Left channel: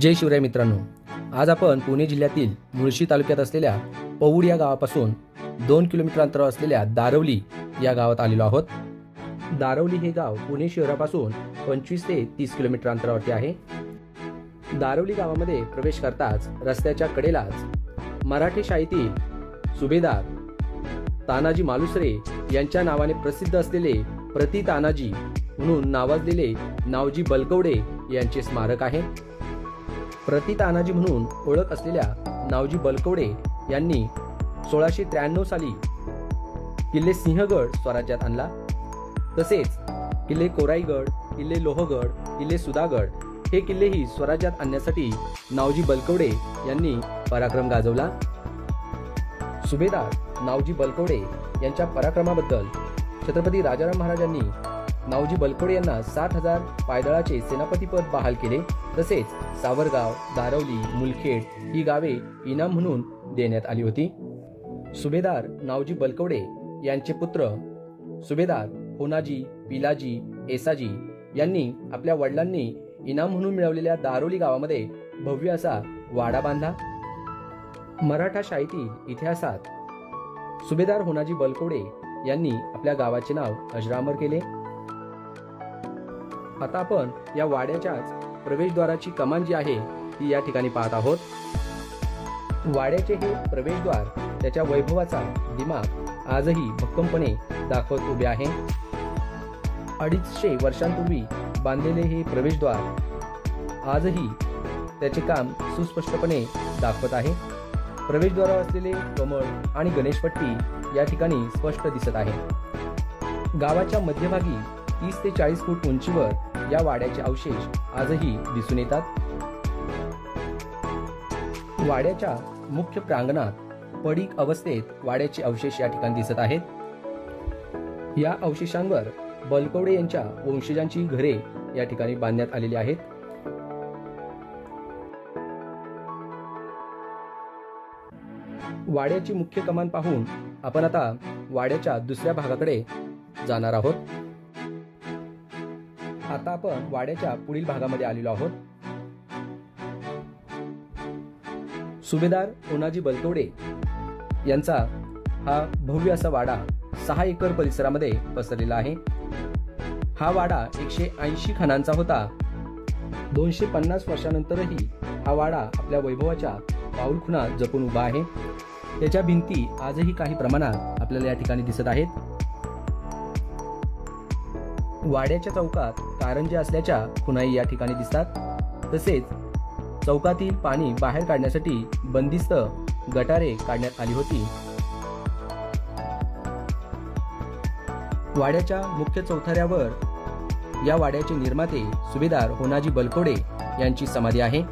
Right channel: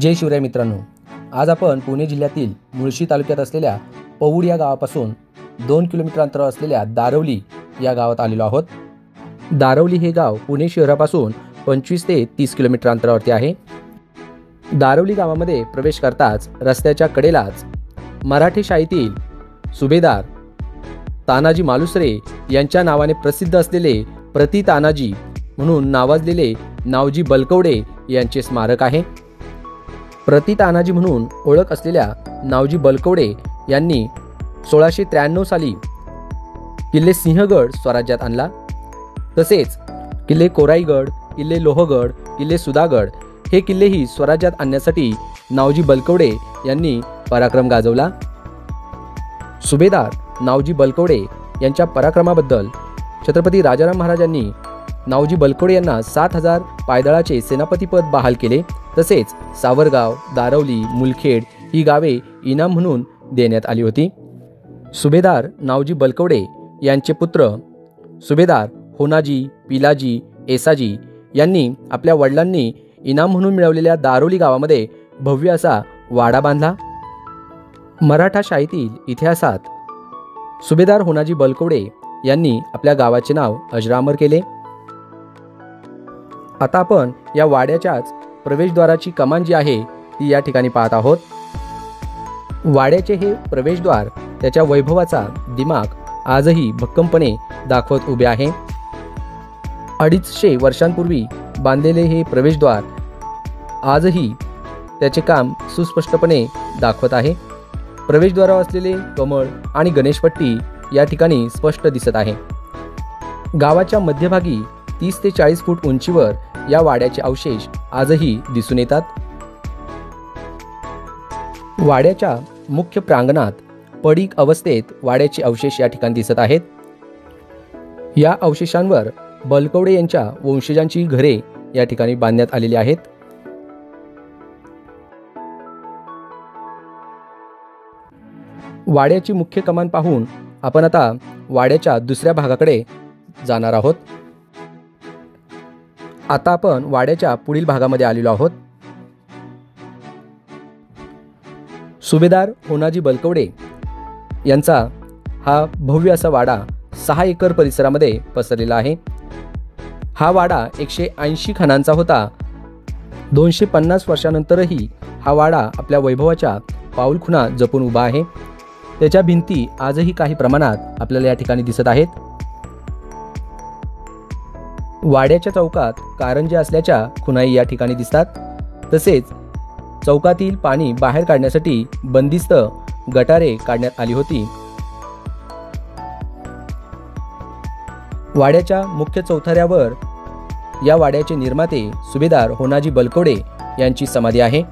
जय शिवराय मित्रांनो, आज आपण पुणे जिल्ह्यातील मुळशी तालुक्यात असलेल्या पौड या गावापासून 2 किलोमीटर अंतरावर असलेल्या दारवली या गावात आलेलो आहोत। दारवली हे गाव पुणे शहरापासून 25 ते 30 किलोमीटर अंतरावरती आहे। दारवली गावामध्ये प्रवेश करताच रस्त्याच्या कडेलाच मराठी शाळेतील सुभेदार तानाजी मालुसरे यांच्या नावाने प्रसिद्ध असलेले प्रति तानाजी म्हणून नावाजलेले नावजी बलकवडे यांचे स्मारक आहे। प्रति तानाजी म्हणून ओळख असलेल्या नावजी बलकवडे यांनी 1693 साली किल्ले सिंहगड स्वराज्यात आणला। तसेच किल्ले कोराईगड, किल्ले लोहगड, किल्ले सुधागड हे किल्लेही स्वराज्यात आणण्यासाठी नावजी बलकवडे यांनी पराक्रम गाजवला। सुभेदार नावजी बलकवडे यांच्या पराक्रमाबद्दल छत्रपती राजाराम महाराजांनी नावजी बलकवडे यांना 7000 पायदळाचे सेनापतीपद बहाल केले। तसेच सावरगाव, दारवली, मुलखेड ही गावे इनाम म्हणून देण्यात आली होती। सुभेदार नावजी बलकवडे यांचे पुत्र सुभेदार होनाजी, पिलाजी, येसाजी यांनी आपल्या वडिलांनी इनाम म्हणून मिळवलेल्या दारवली गावामध्ये भव्य असा वाडा बांधला। मराठा शाहीतील इतिहासात सुभेदार होनाजी बलकवडे यांनी आपल्या गावाचे नाव अजरामर केले। आता आपण या वाड्याच्याच प्रवेशद्वाराची कमान जी आहे ती या ठिकाणी पाहत आहोत। वाड्याचे हे प्रवेशद्वार त्याच्या वैभवाचा दिमाग आजही भक्कमपणे दाखवत उभे आहे। 250 वर्षांपूर्वी बांधलेले हे प्रवेशद्वार आजही त्याचे काम सुस्पष्टपणे दाखवत आहे। प्रवेशद्वारावर असलेले कमळ आणि गणेशपट्टी या ठिकाणी स्पष्ट दिसत आहे। गावाच्या मध्यभागी 30 ते 40 फूट उंचीवर या वाड्याचे अवशेष आजही दिसून येतात। वाड्याच्या मुख्य प्रांगणात पडीक अवस्थेत वाड्याचे अवशेष या ठिकाणी दिसत आहेत। या अवशेषांवर बलकवडे यांच्या वंशजांची घरे या ठिकाणी बांधण्यात आलेली आहेत। वाड्याची मुख्य कमान पाहून आपण आता वाड्याच्या दुसऱ्या भागाकडे जाणार आहोत। आता आपण वाड्याच्या पुढील भागामध्ये आलेलो आहोत। सुभेदार होनाजी बलकवडे यांचा हा भव्य असा वाडा 6 एकर परिसरामध्ये पसरलेला आहे। हा वाडा 180 खानांचा होता। 250 वर्षानंतरही हा वाडा आपल्या वैभवाच्या पाऊलखुणा जपून उभा आहे। त्याच्या भिंती आजही काही प्रमाणात आपल्याला या ठिकाणी दिसत आहेत। वाड्याच्या चौकात कारंजे असल्याच्या खुणाई या ठिकाणी दिसतात। तसेच चौकातील पाणी बाहेर काढण्यासाठी बंदिस्त गटारे काढण्यात आली होती। वाड्याच्या मुख्य चौथऱ्यावर या वाड्याचे निर्माते सुभेदार होनाजी बलकवडे यांची समाधी आहे।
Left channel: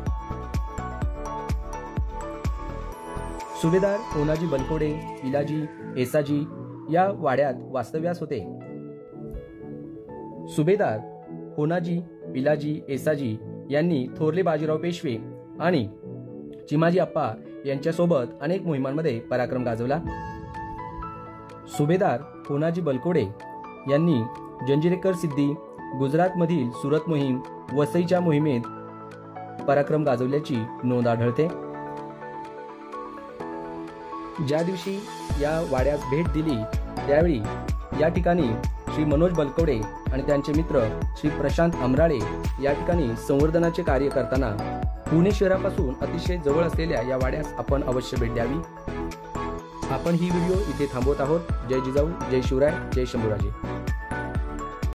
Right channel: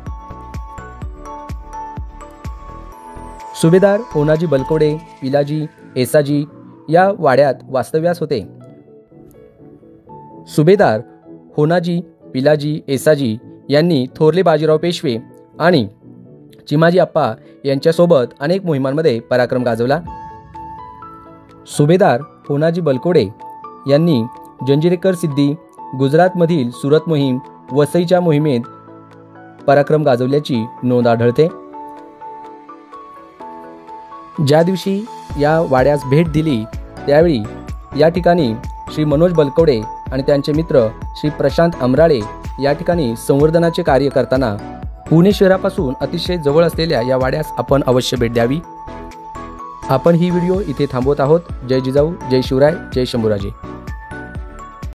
सुभेदार होनाजी बलकवडे, पिलाजी, येसाजी या वाड्यात वास्तव्यास होते। सुभेदार होनाजी, पिलाजी, येसाजी यांनी थोरले बाजीराव पेशवे आणि चिमाजी आप्पा यांच्यासोबत अनेक मोहिमांमध्ये पराक्रम गाजवला। सुभेदार होनाजी बलकवडे यांनी जंजिरेकर सिद्धी, गुजरातमधील सुरत मोहीम, वसईच्या मोहिमेत पराक्रम गाजवल्याची नोंद आढळते। ज्या दिवशी या वाड्यास भेट दिली त्यावेळी या ठिकाणी श्री मनोज बलकवडे आणि त्यांचे मित्र श्री प्रशांत अमराळे या ठिकाणी संवर्धनाचे कार्य करताना पुणे शहरापासून अतिशय जवळ असलेल्या या वाड्यास आपण अवश्य भेट द्यावी। आपण ही व्हिडिओ इथे थांबवत आहोत। जय जिजाऊ, जय शिवराय, जय शंभूराजे।